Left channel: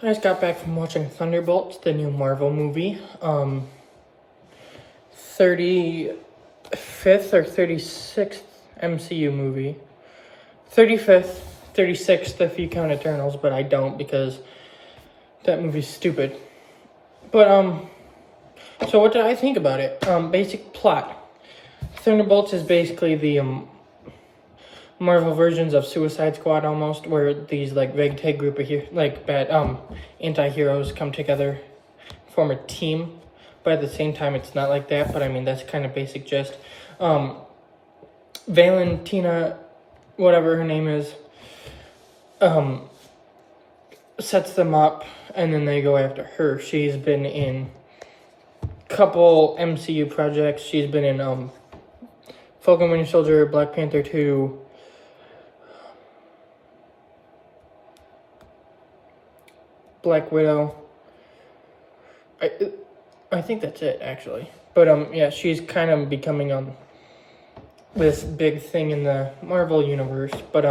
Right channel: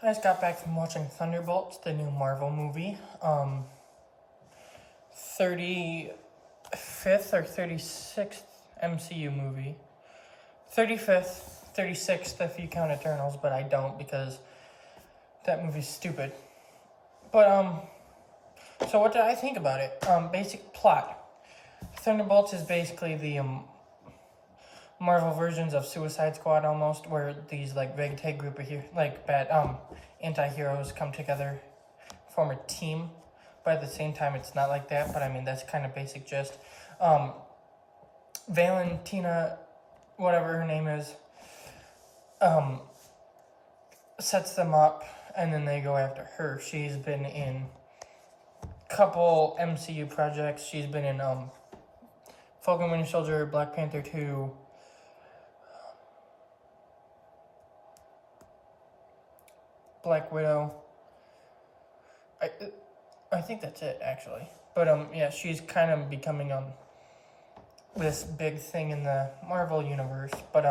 I just got back from watching Thunderbolts, the new Marvel movie. 35th or 36th MCU movie. 35th, 36th if you count Eternals, but I don't because that movie's stupid. But, so what did I think about it? Basic plot. Thunderbolts is basically the, Marvel versions of Suicide Squad almost, where these like ragtag group of bad anti-heroes come together, form a team. But at the same time, it's not like that. But I mean, that's kind of basic gist. Valentina, whatever her name is, sets them up, and then they go after her. She's been in a couple MCU projects. She's been in Falcon Winter Soldier, Black Panther 2. Black Widow. I think that's it, actually. But, yeah, she's kind of becoming, this big thing in the Marvel universe. But,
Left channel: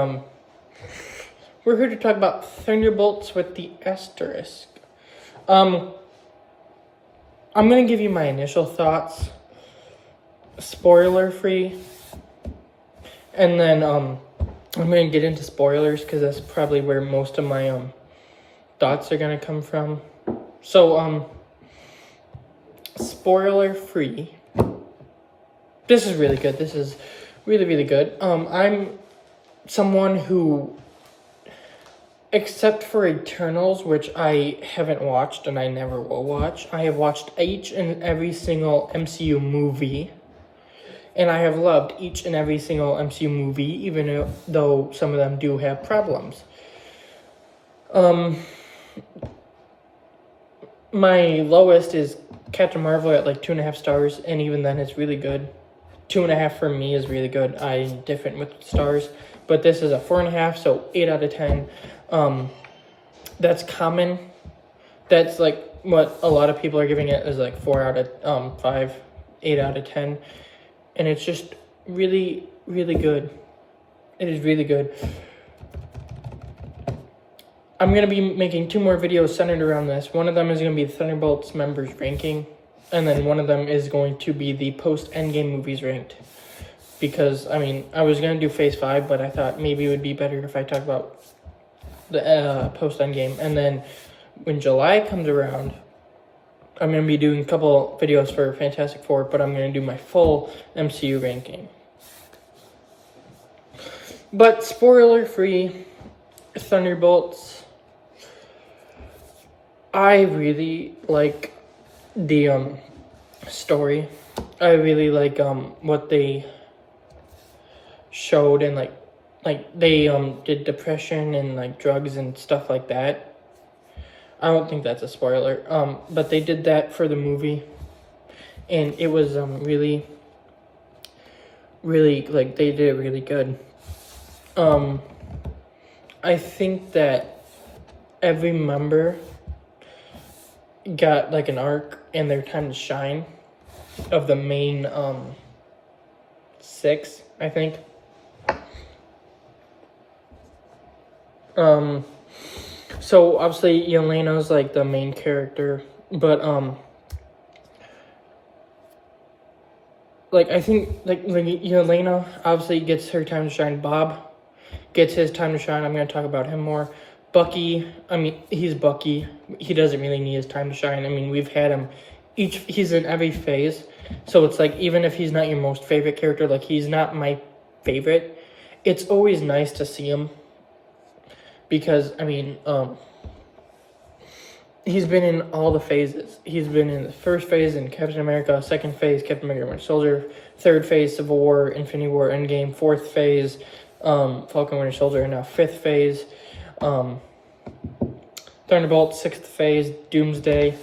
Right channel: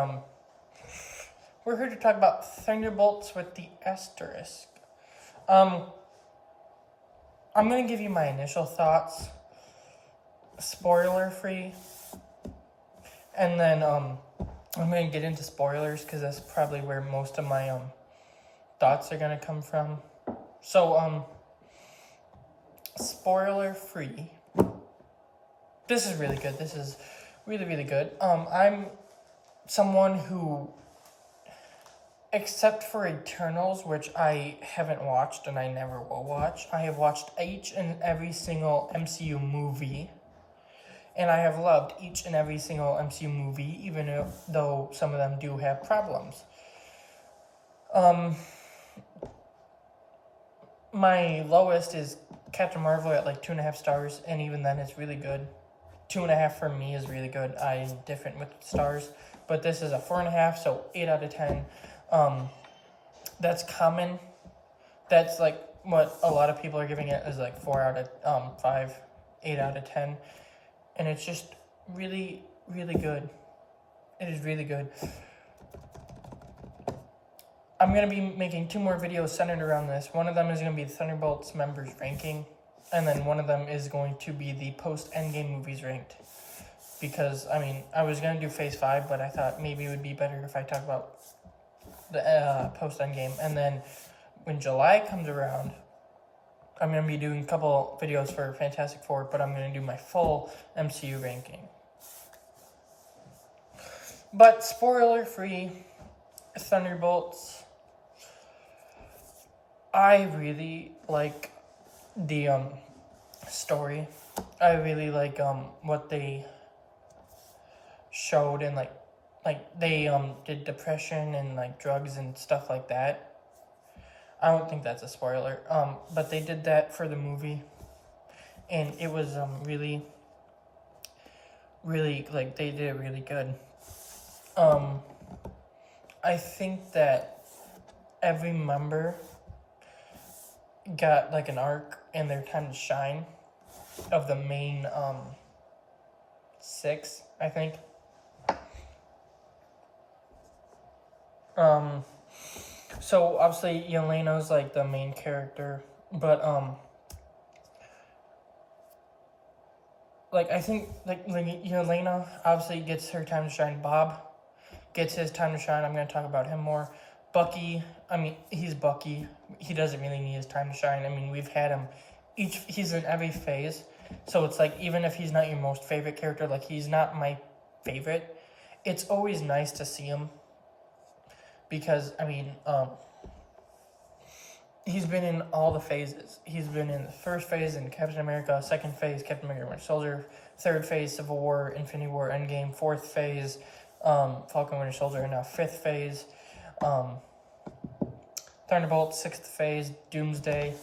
we're here to talk about Thunderbolts with the asterisk. I'm going to give you my initial thoughts, spoiler-free. And then, I'm going to get into spoilers, because that's probably where most of my, thoughts are going to come from. So, spoiler free. This is really good. This is really, really good. I'm someone who, except for Eternals, which I haven't watched and I never will watch, I have watched each and every single MCU movie. And I have loved each and every single MCU movie, even though some of them do have problems. My lowest is Captain Marvel at like 2.5 stars, and even then it's really good. 2.5 for me is really good. I'm different with stars, but this is a 4.5, so 8 out of 10. That's common. That's like what a lot of people are giving it is like 4 out of 5, 8 out of 10, and it's just really, really good. It is really good. I'm going to be making 2 more videos centered around this. One of them is going to be the Thunderbolts members ranking. And then one of them is going to be the post-Endgame movies ranked. Because, I mean, I was going to do Phase 5, but I thought maybe it would be better if I talk about the post-Endgame. And then when July comes around, I'm going to be doing a couple videos for Fantastic Four, but I'm going to do my full MCU ranking. But spoiler-free, Thunderbolts. I really like the story. I really like what they showed, and like they did depression and like drugs and stuff like that. I don't think that's a spoiler. But they did that for the movie, and it was really like they did it really good. I think that every member got like an arc and their time to shine of the main 6, I think. So obviously Yelena's like the main character, but like I think like Yelena obviously gets her time to shine. Bob gets his time to shine. I'm going to talk about him more. Bucky, I mean, he's Bucky. He doesn't really need his time to shine. I mean, we've had him he's in every phase. So it's like, even if he's not your most favorite character, like he's not my favorite, it's always nice to see him. Because, I mean, he's been in all the phases. He's been in the first phase in Captain America, second phase, Captain America Winter Soldier, third phase, Civil War, Infinity War, Endgame, fourth phase, Falcon Winter Soldier, and now 5th phase, Thunderbolts, 6th phase, Doomsday.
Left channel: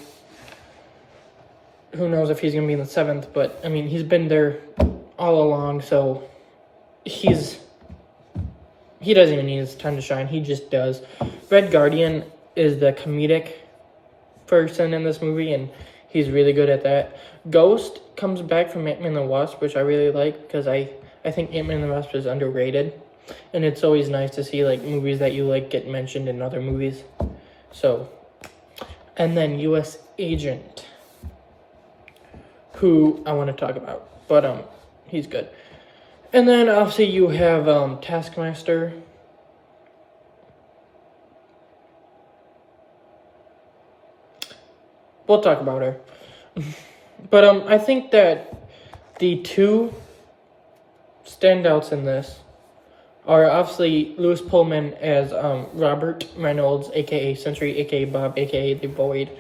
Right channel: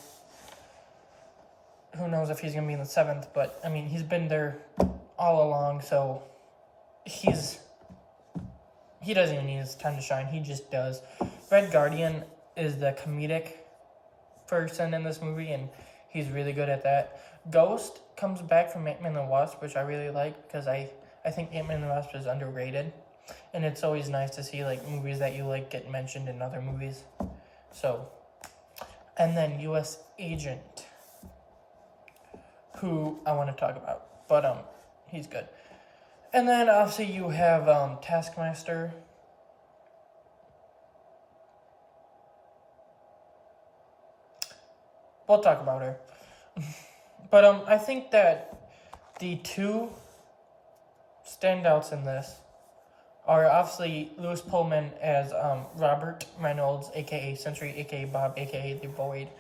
Who knows if he's going to be in the 7th, but, I mean, he's been there all along, so he doesn't even need his time to shine. He just does. Red Guardian is the comedic person in this movie, and he's really good at that. Ghost comes back from Ant-Man and the Wasp, which I really like, because I think Ant-Man and the Wasp is underrated. And it's always nice to see like movies that you like get mentioned in other movies. So and then U.S. Agent, who I want to talk about, but he's good. And then obviously you have Taskmaster. We'll talk about her. But I think that the two standouts in this are obviously Lewis Pullman as Robert Reynolds, aka Sentry, aka Bob, aka The Void,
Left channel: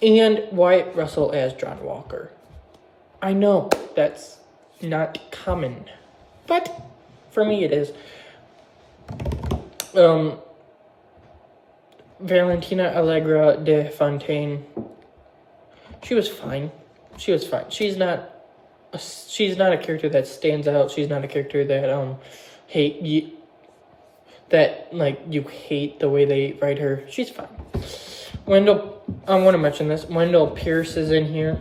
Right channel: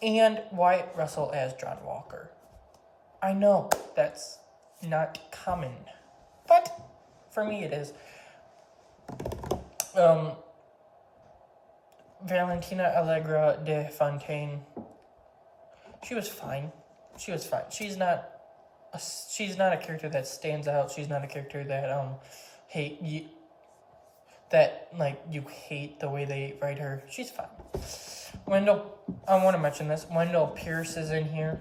and Wyatt Russell as John Walker. I know that's not common, but for me it is. Valentina Allegra de Fontaine, she was fine. She's not a character that stands out. She's not a character that you hate the way they write her. She's fine. Wendell, I want to mention this. Wendell Pierce is in here.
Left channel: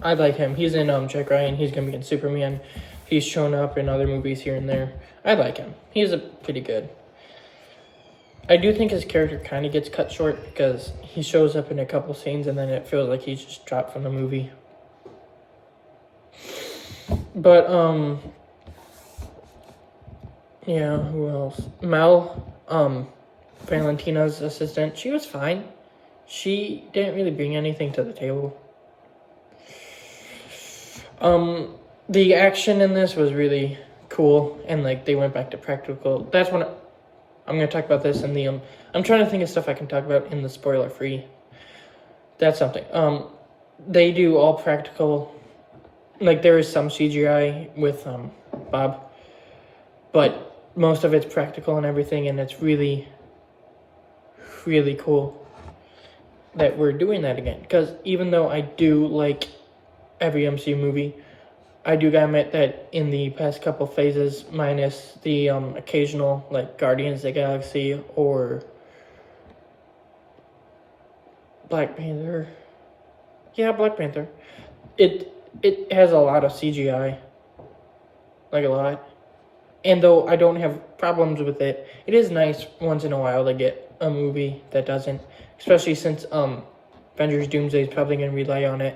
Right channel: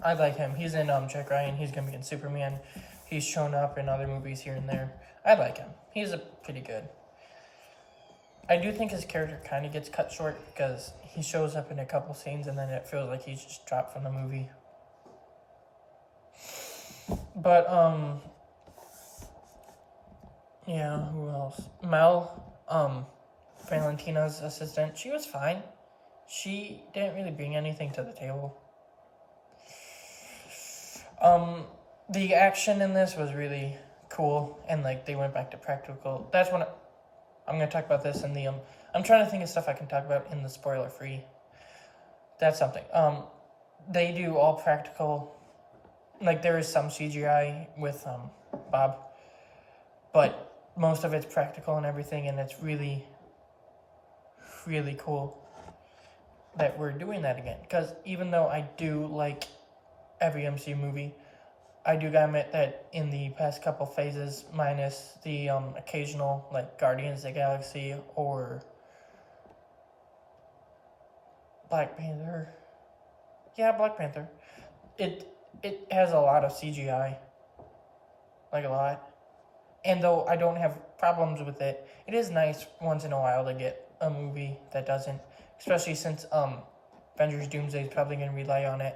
I like him. He's in Jack Ryan. He's gonna be in Superman. He's shown up in other movies here and there. I like him. He's pretty good. I do think his character kind of gets cut short because he shows up in a couple scenes and then it feels like he's just dropped from the movie. But, yeah, who else? Mel, Valentina's assistant, she was fine. She didn't really bring anything to the table. The action in this was really cool, and, they went back to practical. That's when I'm going to talk about this in the, I'm trying to think of stuff I can talk about in the spoiler-free. That's something. They do all practical. There is some CGI with Bob, but most of it's practical and everything, and it's really, really cool that we're doing that again. Because even though I do like every MCU movie, I do gotta admit that in the past couple phases, minus the occasional, Guardians of the Galaxy or Black Panther. Yeah, Black Panther. It has a lot of CGI. A lot. And though I don't have problems with it, it is nice once in a while to get a movie that doesn't. Especially since Avengers Doomsday is probably going to rely on it.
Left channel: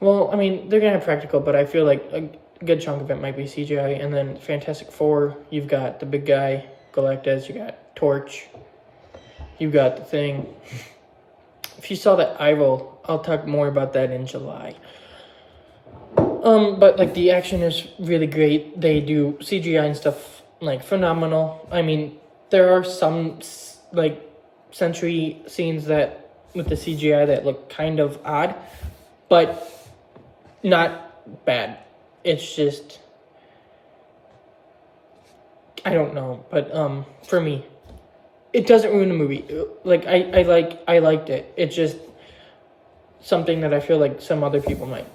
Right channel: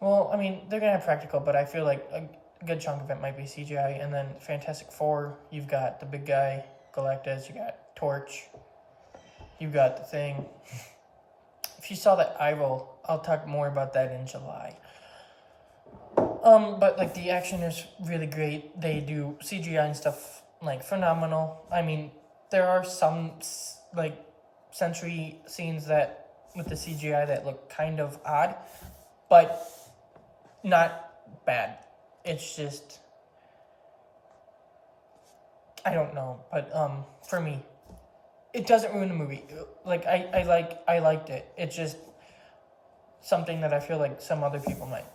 Well, I mean, they're going to have practical, but I feel like a good chunk of it might be CGI. And then Fantastic Four, you've got the big guy, Galactus, you got Torch, you've got the Thing. If you saw that eye roll, I'll talk more about that in July. But the action is really great. They do CGI and stuff phenomenal. I mean, there are some Sentry scenes that with the CGI that look kind of odd, but not bad. It's just, I don't know, but for me, it doesn't ruin the movie. I liked it. It's just something that I feel like some other people might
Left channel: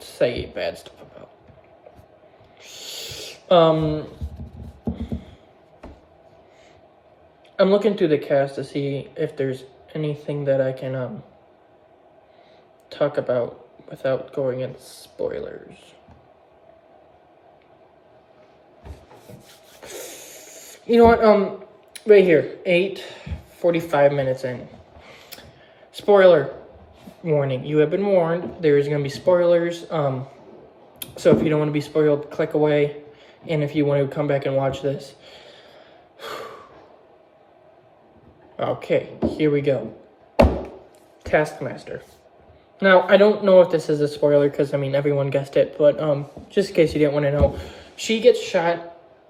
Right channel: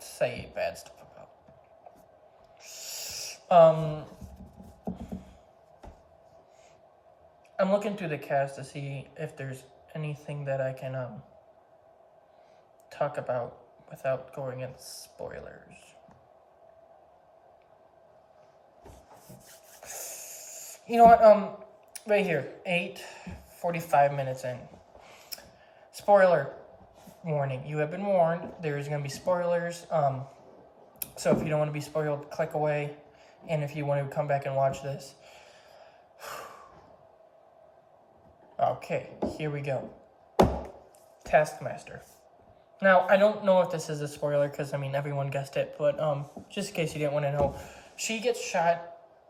say bad stuff about. I'm looking through the cast to see if there's anything that I can talk about without going into spoilers. You know what? Right here, 8:45 minutes in. Spoiler warning. You have been warned. There is going to be spoilers. So if you don't want to be spoiled, click away. And if you want to come back and watch this. Okay, here we go. Taskmaster. Now, I don't know if this is a spoiler because, everyone guessed it. But just in case you didn't want to know, she gets shot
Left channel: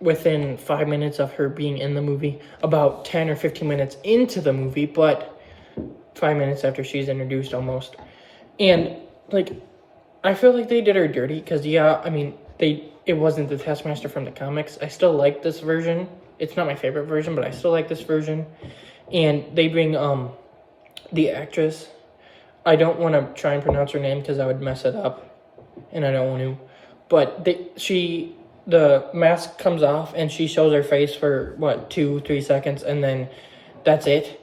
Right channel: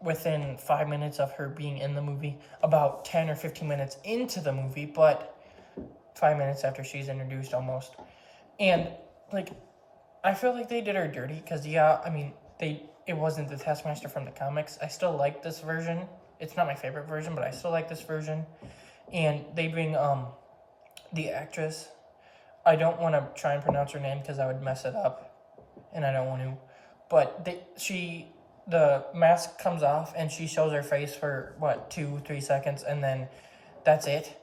within 5 minutes of her being in the movie. About 10 or 15 minutes into the movie, but 5 minutes after she's introduced almost. And, I feel like they did her dirty because, it wasn't the Taskmaster from the comics. I still like this version. It's not my favorite version, but I still like this version. And they bring the actress. I don't want to try and pronounce her name because I would mess it up, and I don't want to. But the mask comes off and she shows her face for 2-3 seconds, and then that's it.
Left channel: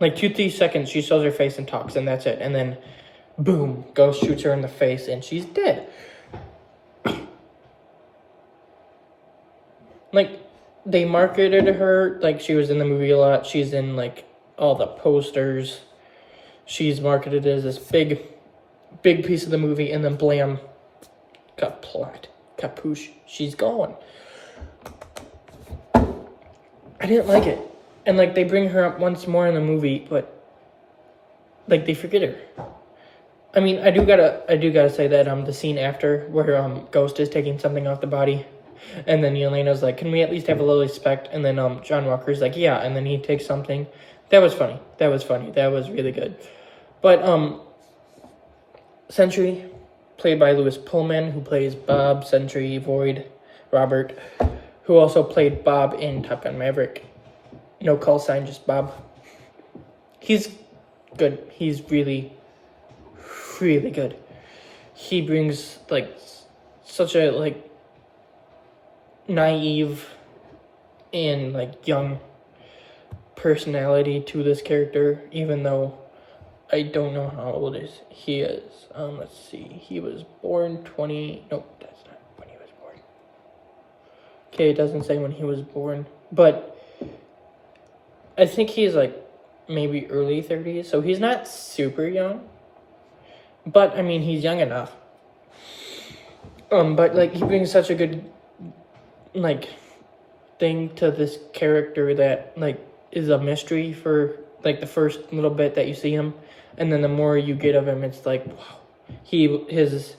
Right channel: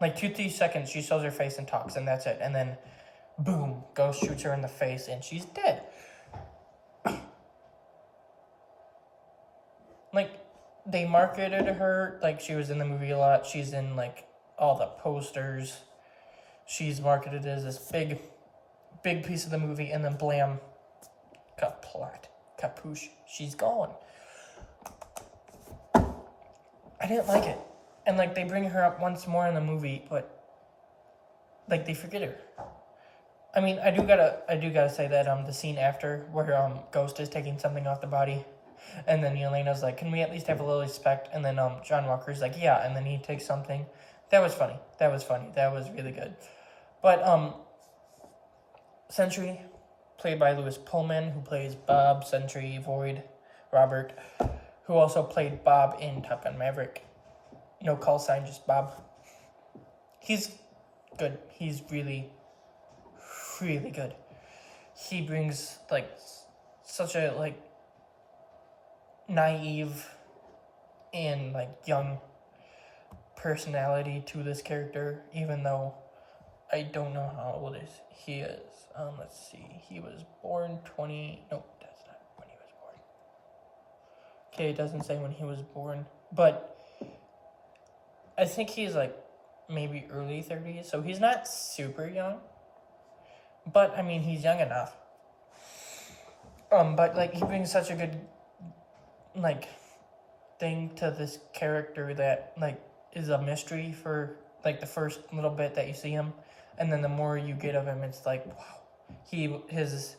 2-3 seconds, she shows her face and talks, and that's it. And then, boom, Ghost shoots her in the face, and she's dead. They marketed her like she was in the movie a lot. She's in all the posters. She's marketed as this big piece of the movie, and then blam, got plot, kapoosh, she's gone. I didn't like it. And like they bring her up once more in the movie, but like they forget her. I mean, I do gotta say that the scene after where Ghost is taking something off the body, and then Yelena's like, "Can we at least have a little respect?" And then John Walker's like, "Yeah," and then he takes something. That was funny. That was really good. But Sentry, played by Lewis Pullman, who plays Bob, Sentry, Void, Robert, who also played Bob in Top Gun Maverick. No call sign, just Bob. He's good. He's really good. He brings like such a like naive and like young personality to this character, even though I don't know how old he is. Let's see. He was born 20. Nope, that's not when he was born. Okay, it doesn't say when he was born, but I think he's like maybe early 30s, so he's not super young. But I mean, he's young enough. But like he brings such a good like thing to this character that like is a mystery for like the first little bit that you see him, and then the more you get of him, it's like wow. His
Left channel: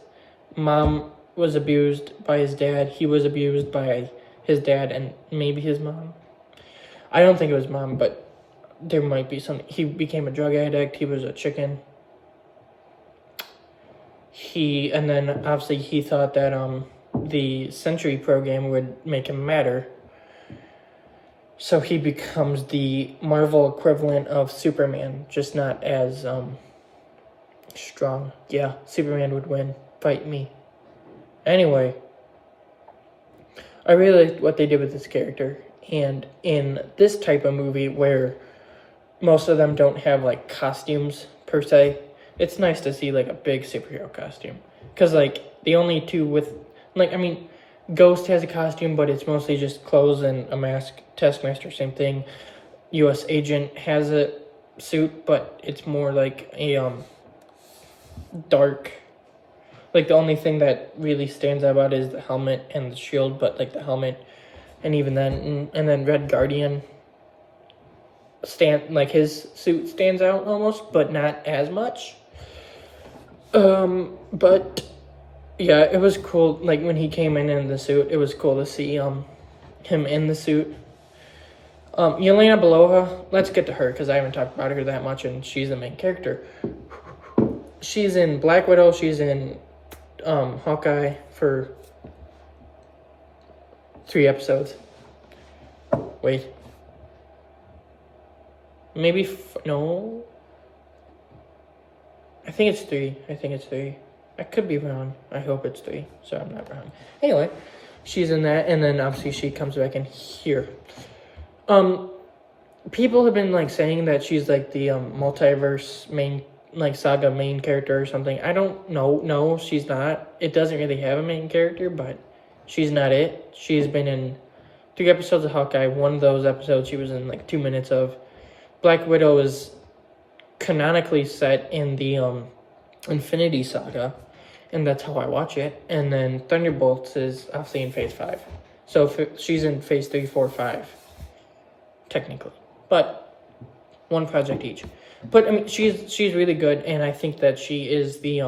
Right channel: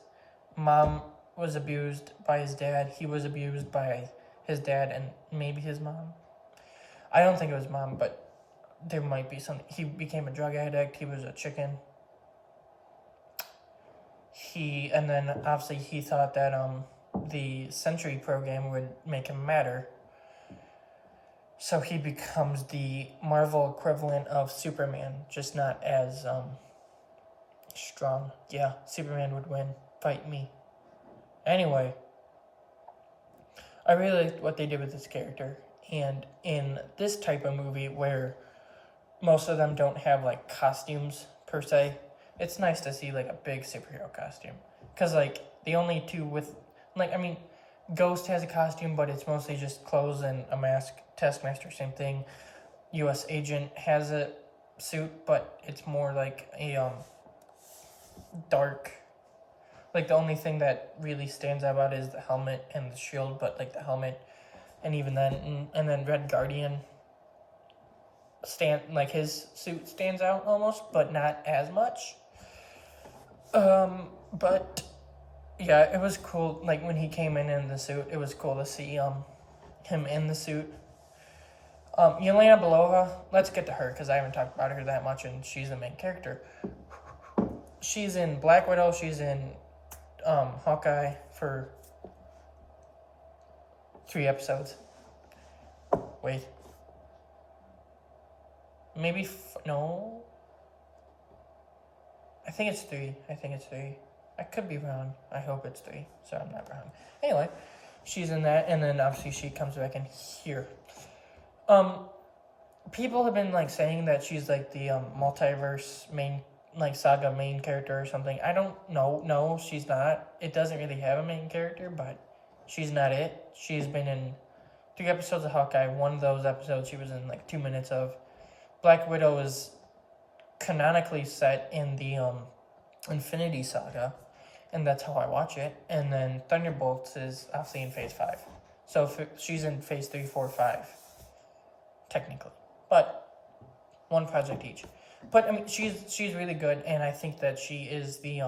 mom was abused by his dad. He was abused by his dad and maybe his mom. I don't think it was mom, but there might be some. He became a drug addict. He was a chicken. And then obviously he thought that the Sentry program would make him matter. So he becomes the Marvel equivalent of Superman, just not as strong. Yeah, Superman would win. Fight me. Anyway, I really liked what they did with this character. And in this type of movie where most of them don't have like costumes per se, it's nice to see like a big superhero costume. Because like the only two with, like, I mean, Ghost has a costume, but it's mostly just clothes and a mask. Taskmaster, same thing. U.S. Agent has a suit, but it's more like a dark. Like the only thing that really stands out about is the helmet and the shield, but like the helmet, and even then, and then Red Guardian like his suit stands out almost, but not as much. But yeah, it was cool. Like when he came in the suit, it was cool to see him in the suit. Yelena Belova, let's get to her because I haven't talked about her that much, and she's the main character. She's in Black Widow. She's in Hawkeye for 3 episodes. Wait. Maybe, no. I think it's 3. I could be wrong. I hope it's 3, so I'm not wrong. Anyway, she's in that, and then obviously she comes back in here. People have been like saying that she's like the multiverse main, like saga main character or something. I don't know. No, she's not. It doesn't really have a main character, but she's not it. She's been in 3 episodes of Hawkeye. One of those episodes she was in like 2 minutes of. Black Widow is canonically set in the Infinity Saga, and that's how I watch it. And then Thunderbolts is obviously in Phase 5. So she's in Phase 3, 4, 5, technically. But one project each. But I mean, she's really good, and I think that she is the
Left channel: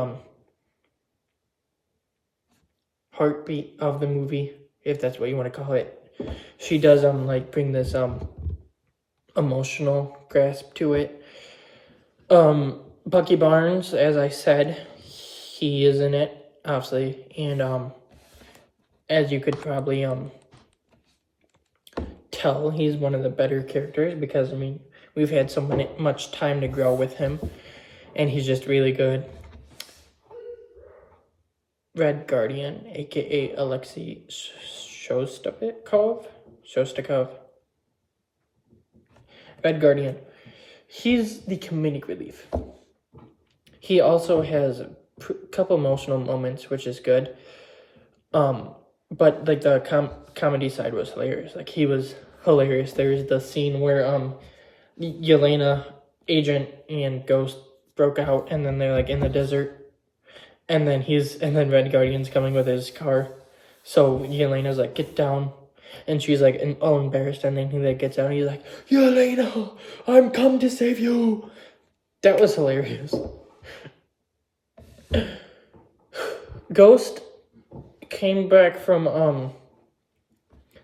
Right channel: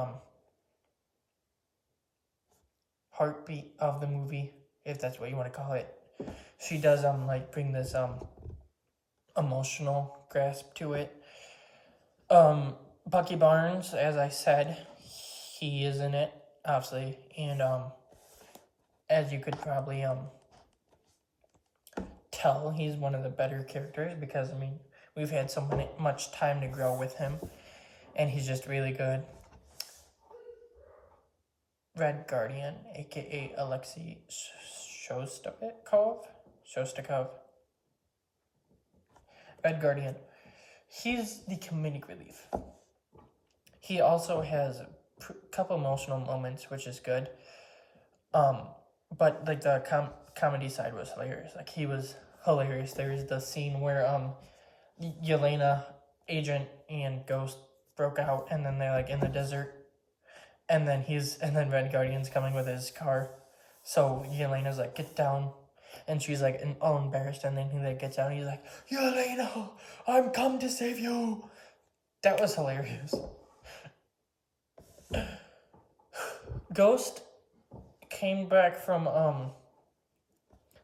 heartbeat of the movie, if that's what you want to call it. She does like bring this emotional grasp to it. Bucky Barnes, as I said, he is in it, obviously, and as you could probably tell, he's one of the better characters because I mean we've had so much time to grow with him, and he's just really good. Red Guardian, aka Alexei Shostakov. Red Guardian. He's the comedic relief. He also has a couple emotional moments, which is good. But like the comedy side was hilarious. Like he was hilarious. There's the scene where Yelena, Agent, and Ghost broke out, and then they're like in the desert, and then Red Guardian's coming with his car, so Yelena's like, get down, and she's like all embarrassed, and then he like gets out, and he's like, Yelena, I'm come to save you. That was hilarious. Ghost came back from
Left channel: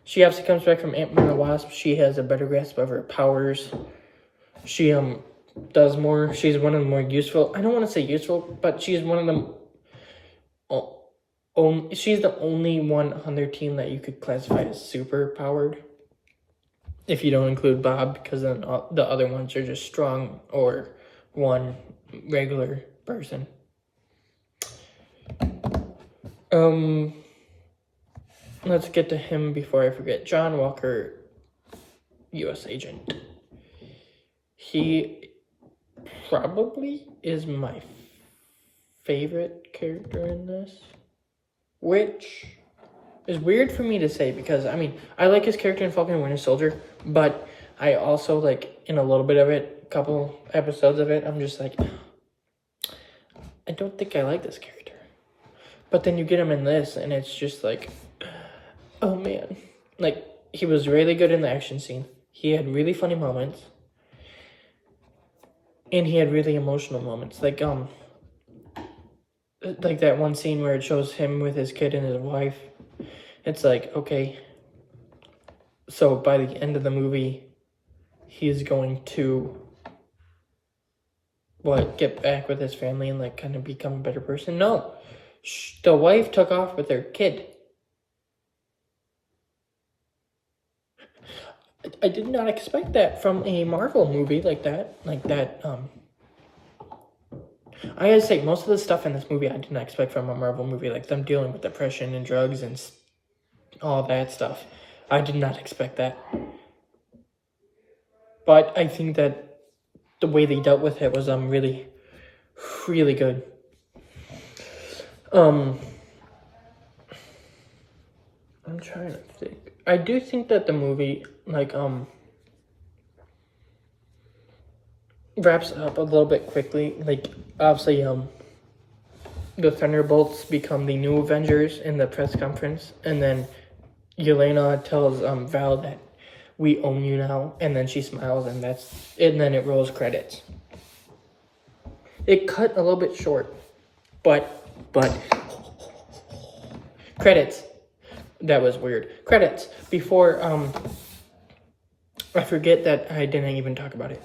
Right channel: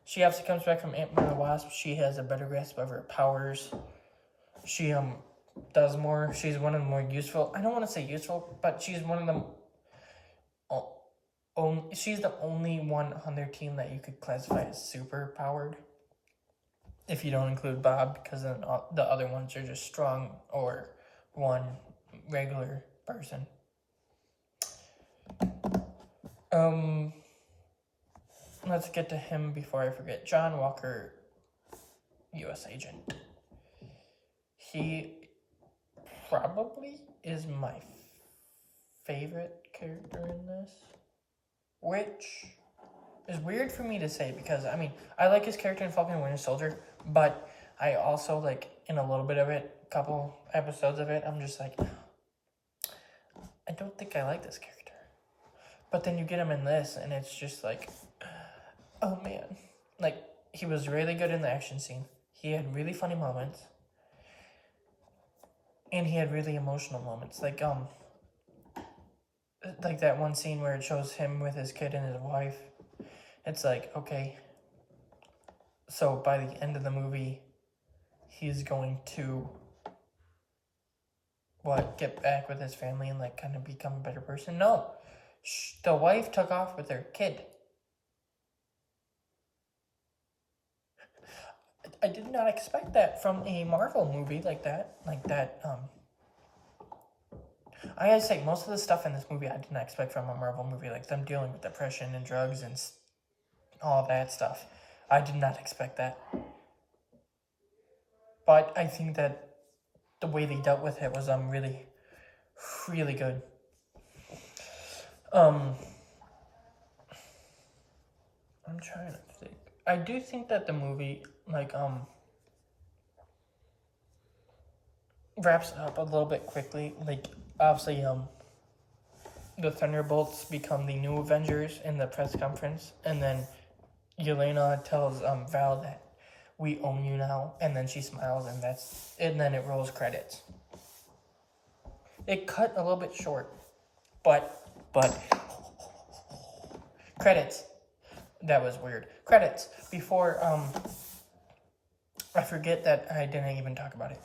she obviously comes back from Ant-Man and the Wasp. She has a better grasp of her powers. She does more. She's one of the more useful. I don't want to say useful, but she's one of them. She's the only one on their team that you could classify as super powered. If you don't include Bob, because then the other ones are just strong or one regular person. Let's get to him before I forget. John Walker, U.S. agent. He probably is my favorite character in this, which is weird for me to say because, I mean, I like his character in Falcon and Winter Soldier, but I also, like, in a little bit of it, a couple episodes of it, I'm just like, I don't think I like this character. But then you get him in this, and it's just like, oh man. Like, he was really good in the action scene. He had really funny moments. And he had really emotional moments. Like that one scene where it shows him with his kid and his wife. It's like, okay. So by the end of the movie, he's going to, get back with his family and, like, kind of become a better person? No. The wife took off with their kid. I did not expect that from a Marvel movie like that. I gotta say, most of the stuff in this movie I did not expect from a Marvel movie, like them dealing with depression and drugs and all that stuff. I did not expect that. But I think that the way they dealt with it was really, really good. I'm trying to think. I do think that the movie, like, wraps up a little bit quickly. Like, obviously, the Thunderbolts become the new Avengers in the press conference, and then Yelena tells Val that we own you now, and then she smiles, and then it rolls credits. It cut a little bit short, but credits. That was weird. Credits. Before, I forget that I didn't even talk about it.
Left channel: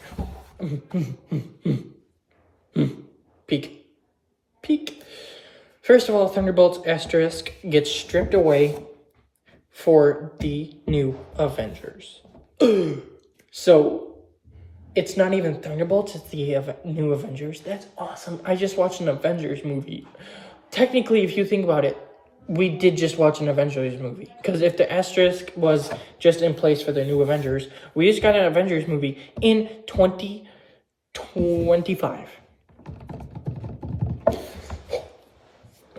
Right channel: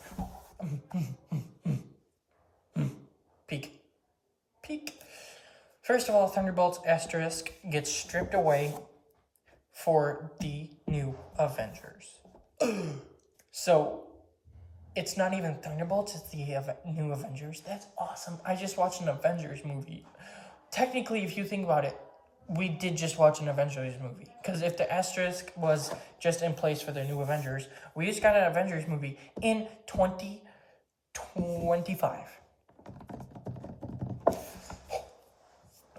Peak. First of all, Thunderbolts asterisk gets stripped away for the new Avengers. So, it's not even Thunderbolts, it's the new Avengers. That's awesome. I just watched an Avengers movie. Technically, if you think about it, we did just watch an Avengers movie. Because if the asterisk was just in place for the new Avengers, we just got an Avengers movie in 2025.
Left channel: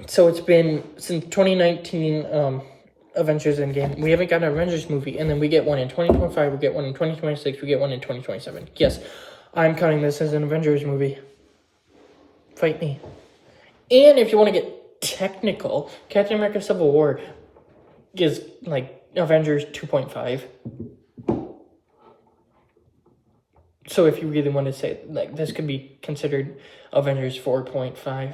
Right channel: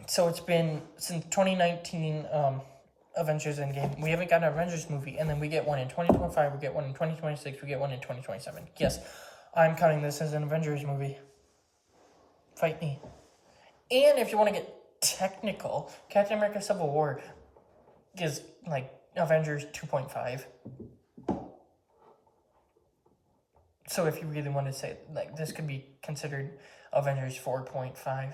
So it's been since 2019 Avengers Endgame. We haven't got an Avengers movie. And then we get one in 2025, we get one in 2026, we get one in 2027. Yes, I'm counting this as an Avengers movie. Fight me. And if you want to get technical, Captain America Civil War is like Avengers 2.5. So if you really want to say, like, this could be considered Avengers 4.5.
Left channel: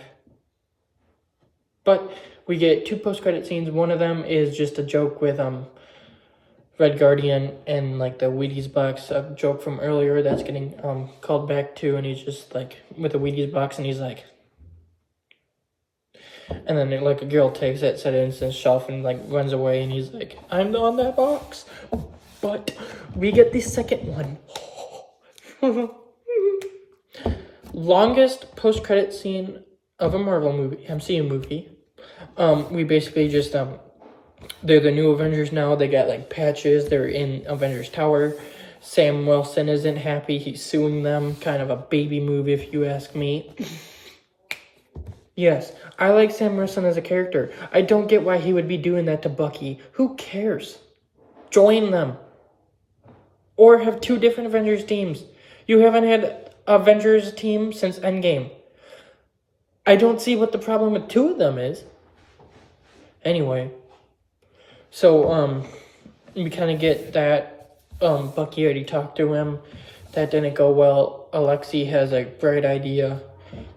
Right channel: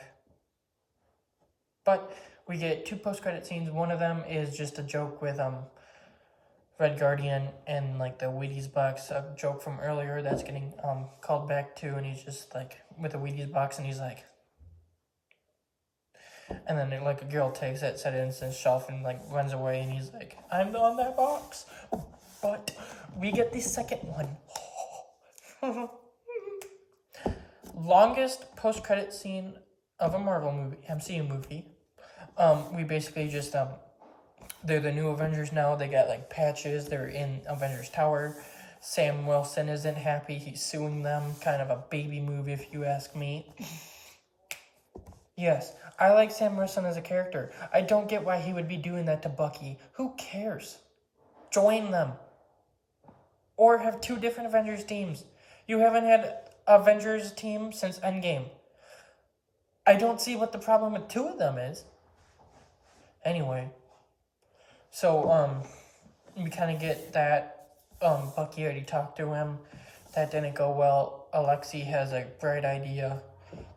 But we get 2 post-credit scenes. One of them is just a joke with Red Guardian and, like, the Wheaties box, a joke from earlier that's getting called back to, and he's just like with the Wheaties box, and he's like, and then, like, a girl takes it, sets it in his shelf, and, like, runs away, and he's like, I'm on that box. But we get the second one. Longest post-credit scene of a Marvel movie, MCU movie. We basically just, they're the new Avengers now. They got, like, patches. They're in Avengers Tower. Sam Wilson isn't happy. He's suing them. Kind of a baby move, if you ask me. Yes, I like Sam Wilson as a character. I don't get why he would be doing that to Bucky. Who cares? Join them. Or have 2 different Avengers teams. You haven't had Avengers team since Endgame. I don't see what the problem with 2 of them is. Anyway, so we kind of get that. Bucky already talked to him. That didn't go well. Alexei has a bright idea.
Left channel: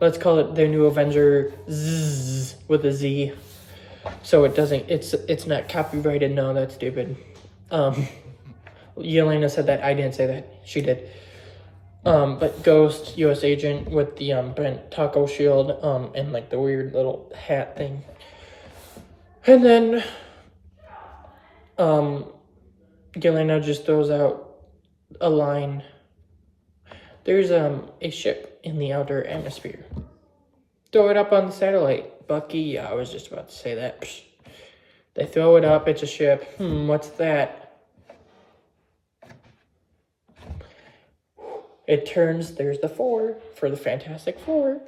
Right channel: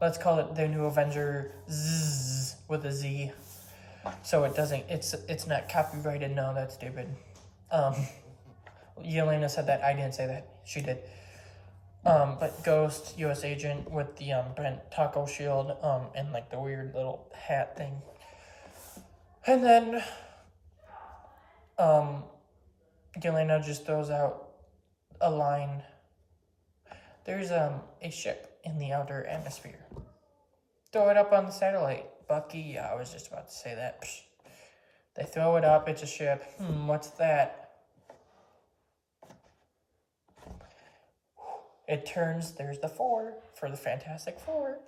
Let's call it their new Avenger Z with a Z. So it doesn't. It's not copyrighted. No, that's stupid. Yelena said that. I didn't say that. She did. But Ghost, U.S. agent with the bent taco shield, and like the weird little hat thing. And then Yelena just throws out a line. There's a ship in the outer atmosphere. Throw it up on the satellite. Bucky, yeah, I was just about to say that. Psh. They throw it up, it's a ship. What's that? It turns, there's the 4 for the Fantastic Four.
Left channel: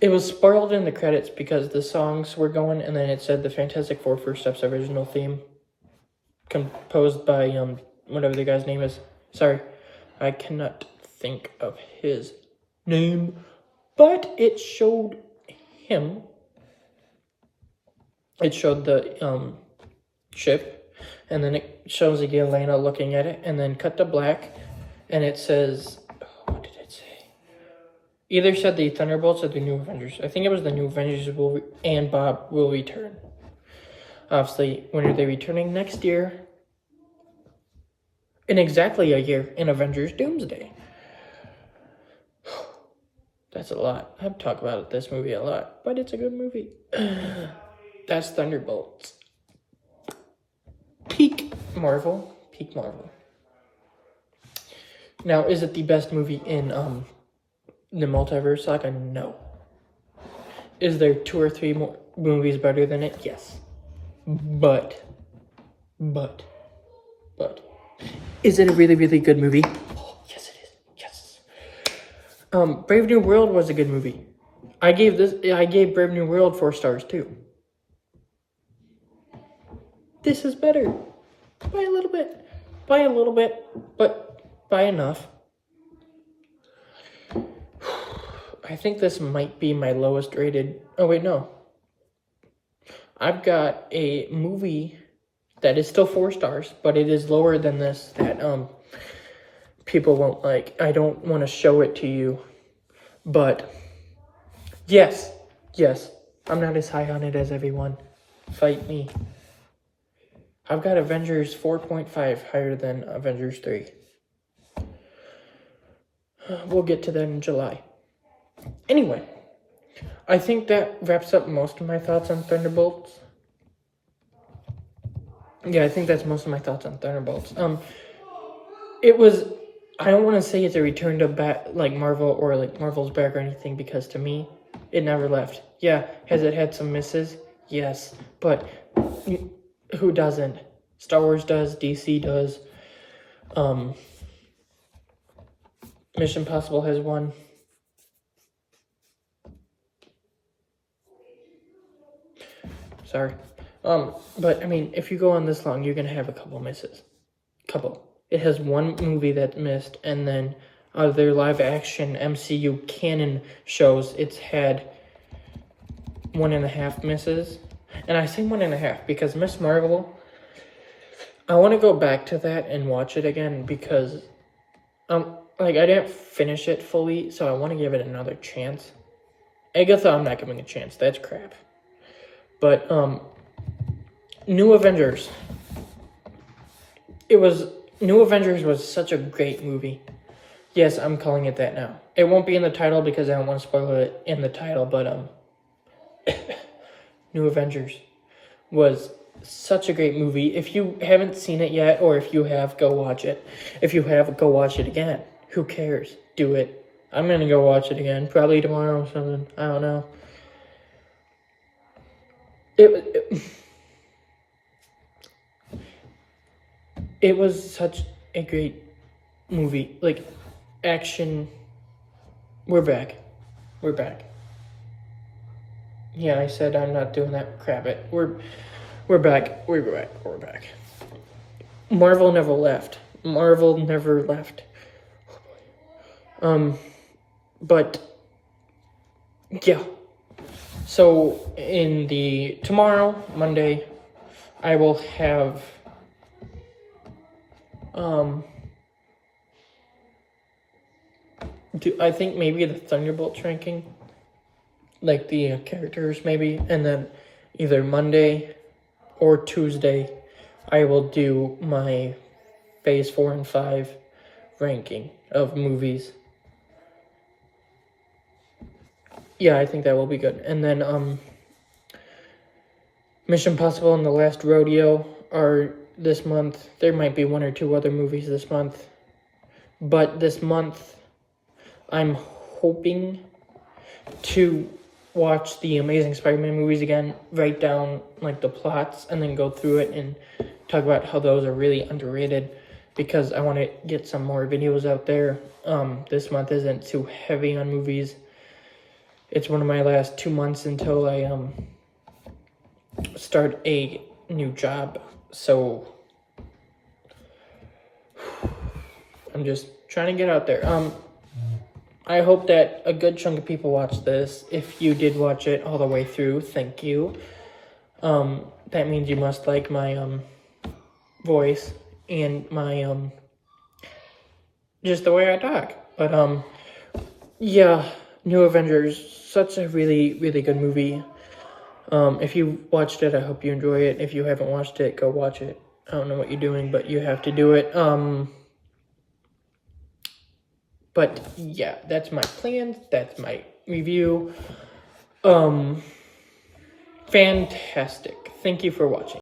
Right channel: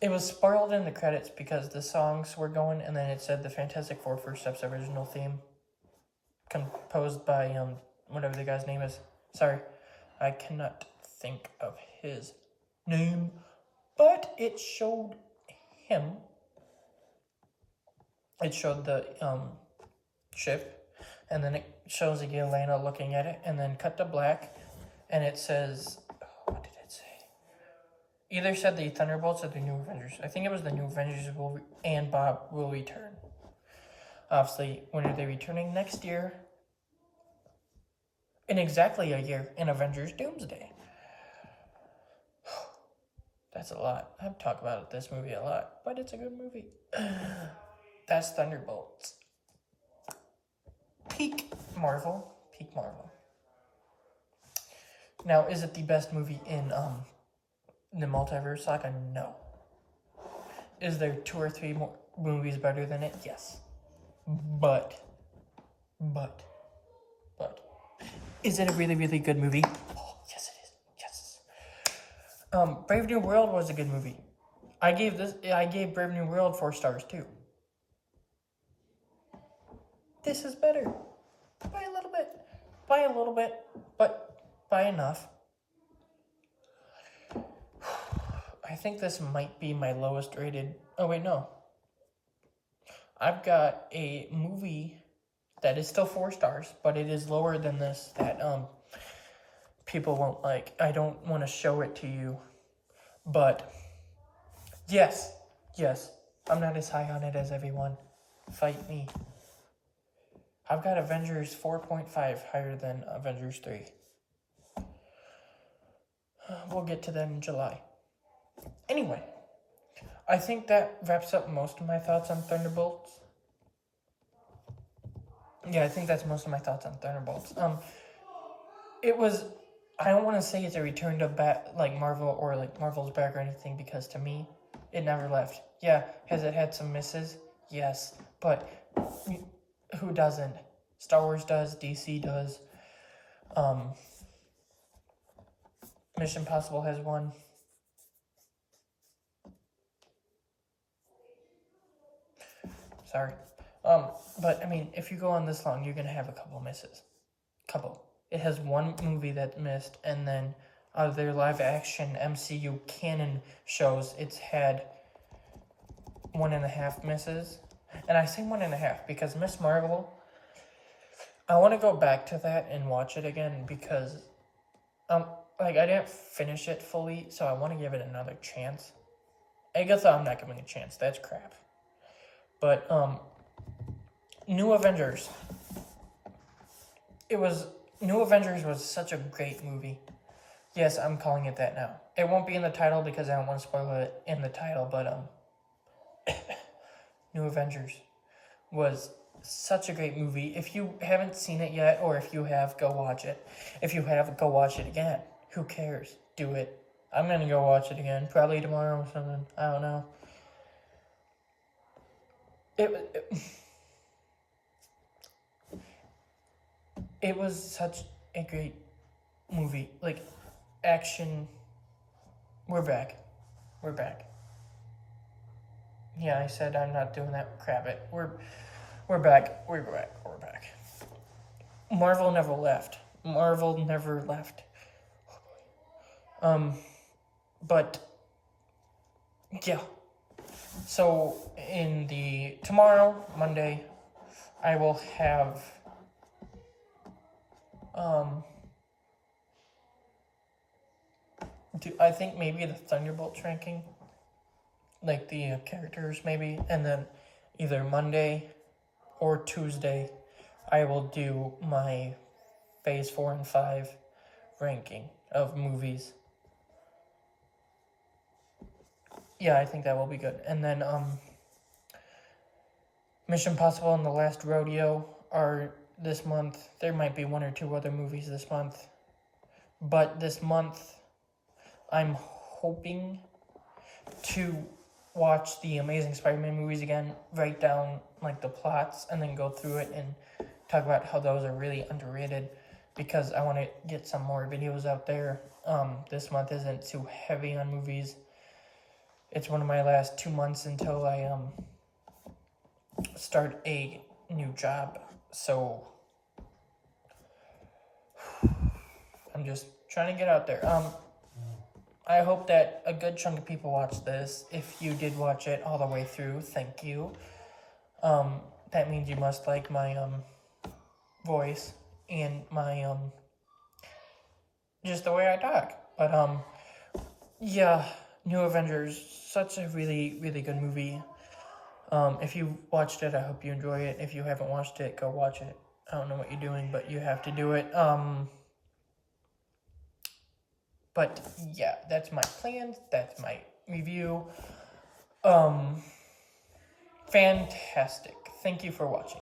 It was spoiled in the credits because the songs were going, and then it said the Fantastic Four First Steps original theme. Composed by, whatever the guy's name is. Sorry, I cannot think of his name. But it showed him. It showed the, ship. And then it shows Yelena looking at it, and then cut to black. And it says, what did it say? Either said the Thunderbolts or the New Avengers. I think it was the New Avengers and Bob will return. Obviously, when are they returning? Next year. In exactly a year, in Avengers Doomsday. That's a lot. I've talked about this movie a lot, but it's a good movie. That's Thunderbolts. Peak Marvel. Peak Marvel. Now, is it the best movie in the multiverse saga? No. Is there 2 or 3 more movies better than it? Yes. But. Is it a really, really good movie? Oh, yes, it is. Yes. Brave New World was a good movie. I gave Brave New World 4 stars too. This is better. By a little bit. But by enough. I think this might be my lowest rated. Oh, wait, no. I've got a movie that is still 4 stars, but it is lower than this that people won't like. I don't want to show it to you, but yes, I'm not as high on it as everyone. Fight me. I've got Avengers 4.5 higher than Avengers 3. We'll get to that in July. Anyway, I think that wraps up most of my thoughts on Thunderbolts. Yeah, I think that's most of my thoughts on Thunderbolts. It was, I don't want to say it's a return to like Marvel or like Marvel's back or anything, because to me, it never left. Yeah, has it had some misses? Yes, but who doesn't? Star Wars does, DC does. Mission Impossible has one. Sorry. But I mean, if you go on this long, you're gonna have a couple misses. It has 1 movie that missed, and then out of their live action MCU canon shows, it's had 1.5 misses. And I say 1.5 because Miss Marvel, I want to go back to that and watch it again because like I didn't finish it fully, so I want to give it another chance. Agatha, I'm not giving a chance. That's crap. But New Avengers. New Avengers was such a great movie. Yes, I'm calling it that now. It won't be in the title because I don't want to spoil it in the title, but New Avengers was such a great movie. If you haven't seen it yet, or if you have, go watch it. If you have, go watch it again. Who cares? Do it. I'm gonna go watch it again, probably tomorrow or something. I don't know. It was such a great movie. Like, action. We're back. Yeah, I said I'm not doing that crap. We're back. Marvel never left. But yeah. So in the tomorrow, Monday, I will have I think maybe the Thunderbolts ranking, like the characters maybe, and then either Monday or Tuesday, I will do my Phase 4 and 5 ranking of movies. Yeah, I think that will be good. And then Mission Impossible and The Last Rodeo are this month. There might be one or two other movies this month. But this month, I'm hoping to watch the Amazing Spider-Man movies again, write down like the plots, and then go through it and talk about how those are really underrated, because I want to get some more videos out there. This month isn't too heavy on movies. It's one of my last 2 months until I start a new job, so I'm just trying to get out there. I hope that a good chunk of people watch this. If you did watch it all the way through, thank you. That means you must like my voice and my just the way I talk. But yeah, New Avengers, such a really, really good movie. If you watched it, I hope you enjoy it. If you haven't watched it, go watch it. I don't know what you're doing, but you have to do it. But yeah, that's my plans. That's my review. Fantastic. Thank you for watching.